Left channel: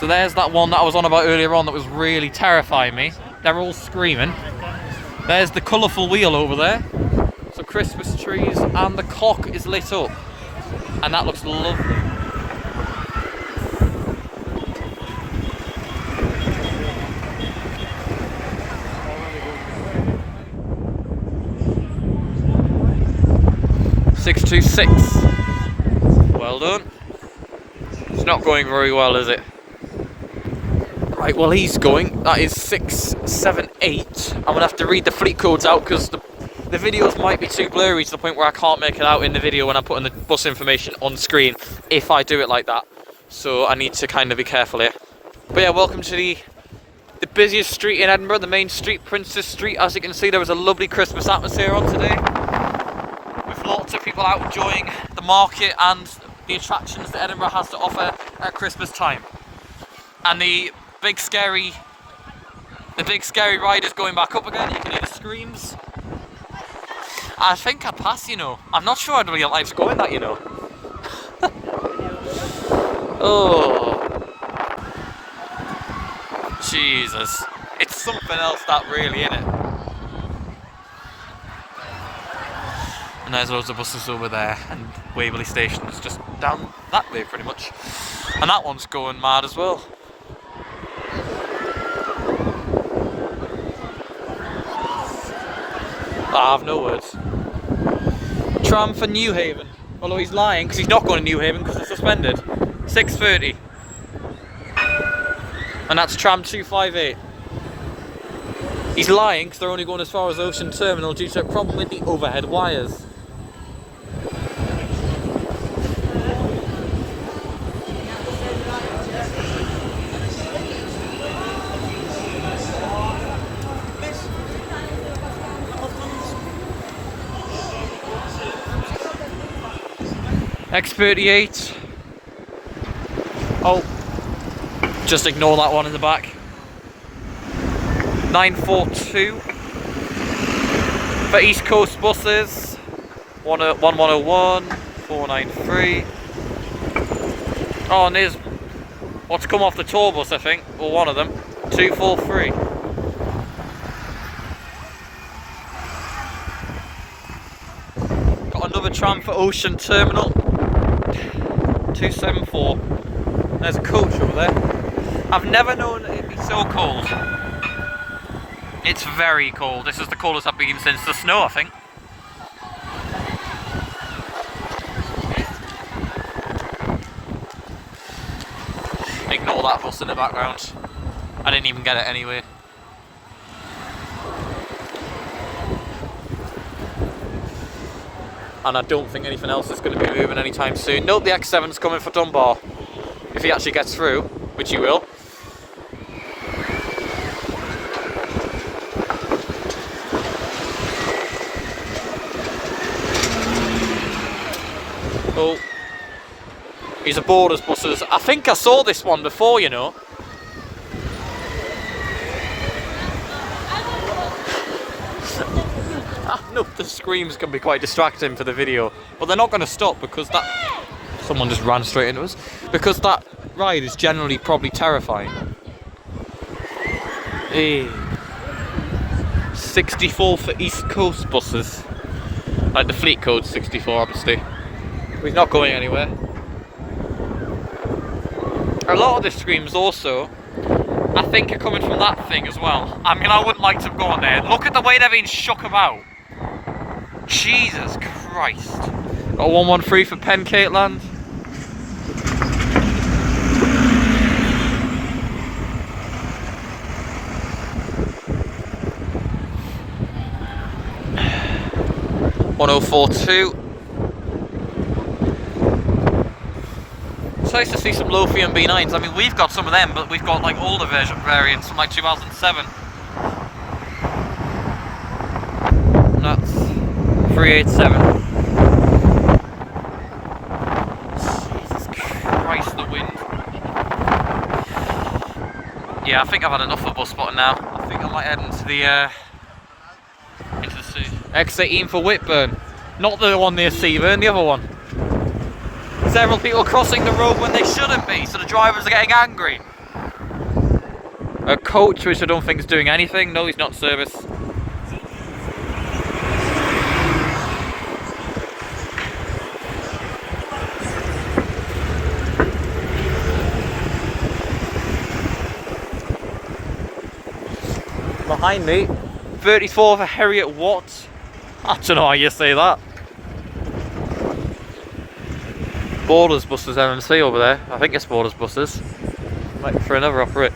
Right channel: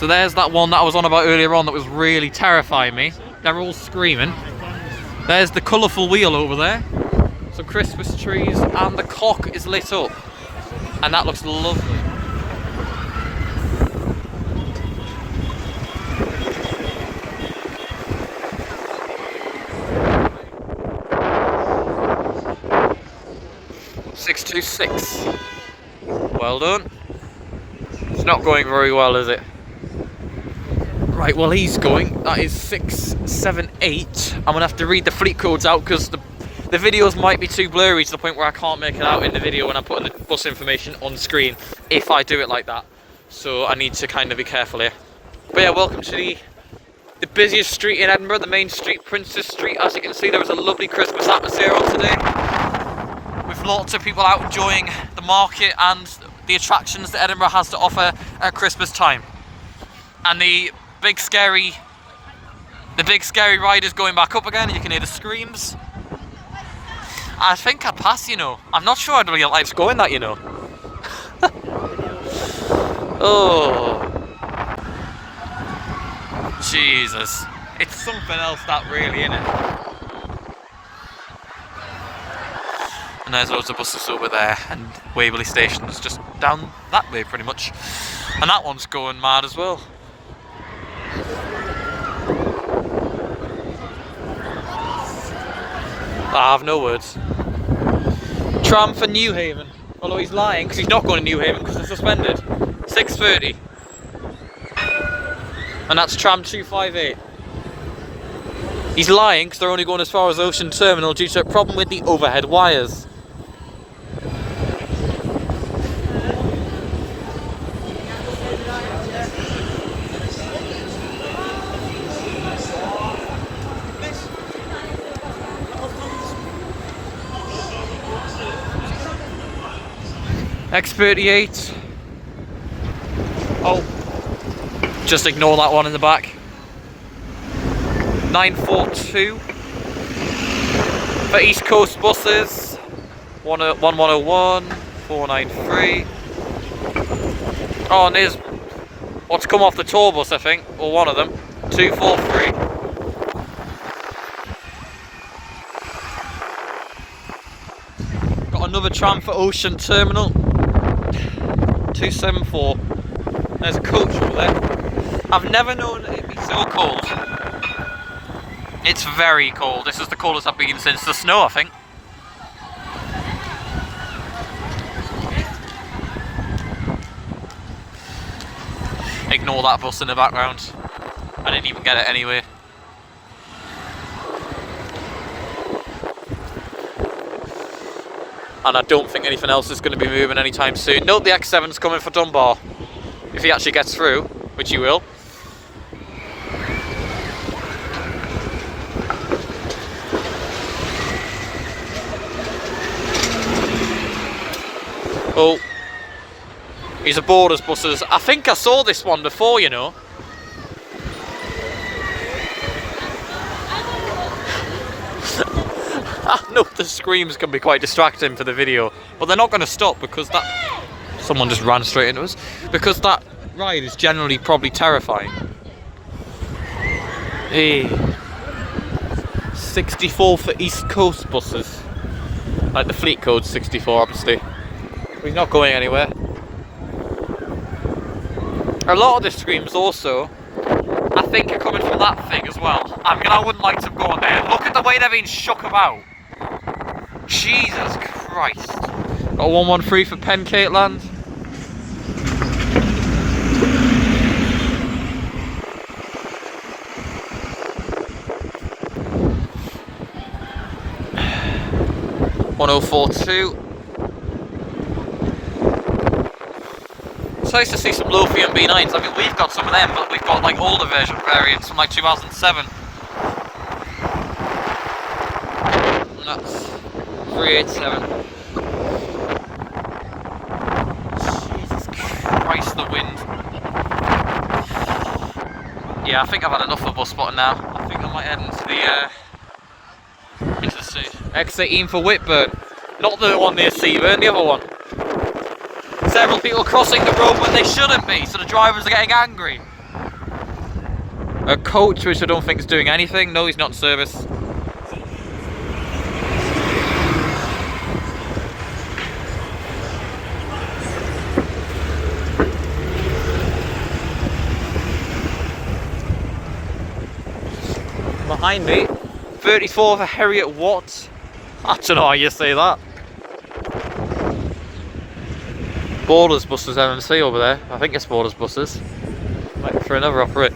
So there's that one that I was on about earlier on that was really terrifying me. They're all screaming. There's the colourful wheel over there. So Christmas trees, and the cock is lit up. And that looks lovely. $626. Well done. It's not going very well, is it? Right, well he's going. That is 678. I'm gonna have to read the fleet codes out because the videos might be too blurry to the point where I can't make it out in the video when I'm putting the bus information on screen if I do it like that. So I need to kind of be careful here. But yeah, welcome to the busiest street in Edinburgh, the main street, Princes Street. As you can see, there was a lovely Christmas atmosphere on today, with lots of people out enjoying the market and the attractions that Edinburgh has to offer at Christmas time. And the big scary ride is going back up again. You can hear the screams. I think I pass, you know. I'm not sure how real life's going that, you know. Oh. Jesus. It's something else that really, innit? And there's loads of buses over there, and Waverley Station's just down that way pretty much. And that one's going mad as well. I have no words. Tram for Newhaven. Although he's lying because he's not going to Newhaven because they're suspended. 6:30. And that's tram 258. He's lying because they're only going as far as Ocean Terminal due to a problem with the overhead wires. X38. Oh, just ignore that one in the back. 942 for East Coast buses. 1101, 493. Oh, and there's what's come off the tour bus, I think, or one of them. 243. Got another tram for Ocean Terminal. 274. There's a coach over there. I've never known it be so cold. It's very cold. This is the coldest I've been since the snow, I think. Ignore that bus in the background. I didn't even get it anyway. And I don't think anything else is going to be moving anytime soon. Note the X7's coming for Dunbar. If he actually gets through, which he will. Oh. He's aboard his buses. I think I saw this one before, you know. I know the screams can be quite distracting for the video, but they're not going to stop because that... Someone just ran straight into us. Because that ride is generally probably terrifying. Hey. 64 for East Coast buses. Like the fleet code's 64, obviously. He's not going anywhere. A lot of the screams also, I think, are coming from that thing as well. I mean, I wouldn't like to go on there. Look at the way they're being shook about. Jesus Christ. Got 113 for Pencateland. $1042. It's nice to see some Lothian B9s. I mean, we've got some of them, but we've got like older variants from like 2007. And that's 387. Jesus Christ, the wind. Yeah, I think I've had enough of bus spotting now. I think I might head into the sea. X18 for Whitburn. Not the one near Seaburn, the other one. Several people crossing the road when they shouldn't be, so the drivers are getting angry. A coach, which I don't think is doing anything. No, he's not in service. Behind me, 34 for Harriet Watt. I don't know how you say that. Borders Buses MMC over there. I think it's Borders Buses. Might be for another operator.